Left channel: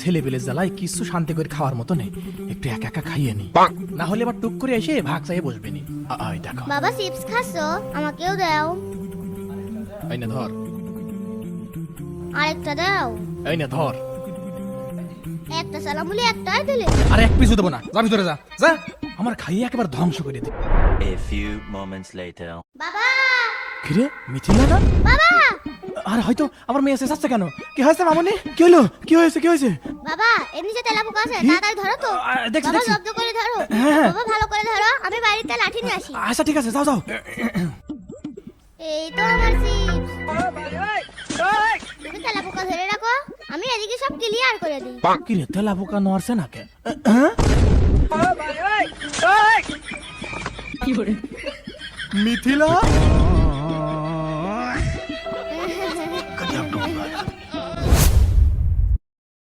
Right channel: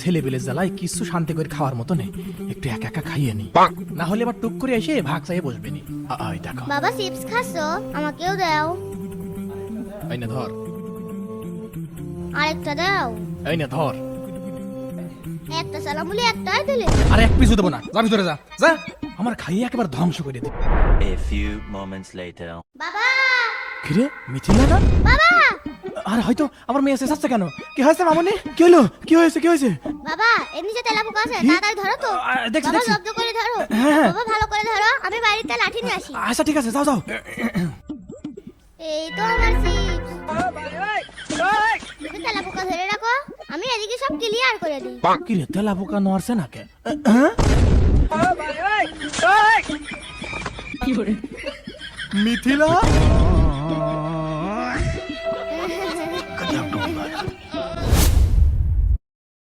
ছেলে বেলে জ্বালায় কিছু শান্তি করে খাওয়ার মতো নেই, একটু একা একা খাইয়ে নি, না হলে আবার টুক করে এসে ভাগ চাই বসবে নি। আয় দেখো, বাবা চিপস খাচ্ছো, আমাকেও দাও। এই নে ধর, আরেকটা দাও। এই নে ধর। একটা সালাম বলে একটাই দিলে। আরে এক পিছু দেবো না, যা ভিতরে যা, যা। আমার খাইয়ে একেবারে ধ্বংস করে দেবে। A few moments later. আরে হয়তো আমার মেয়ে এসে যাচ্ছে কেন? কি হয়েছে মামনি? কি হলো? কি হয়েছে? কি হয়েছে? বাবা এদিকে তেলাপোকা আছে, তাড়াতাড়ি ধরো তো। দেখছি, বাবা দেখছি। শব্দ করে ধরো। হ্যাঁ। বাবা ভালো করে ধরো, আমি বাড়িতে লাঠি নিয়ে আসি। আচ্ছা ঠিক আছে, যাও যাও। এই তো আমার চিপস। তুমি তেলাপোকা ধরে রাখো, আমি এদিকে সব ক্লিয়ার করে দিই। কি রে, তেলা পোকা নড়ছে না কেন? মিথিলা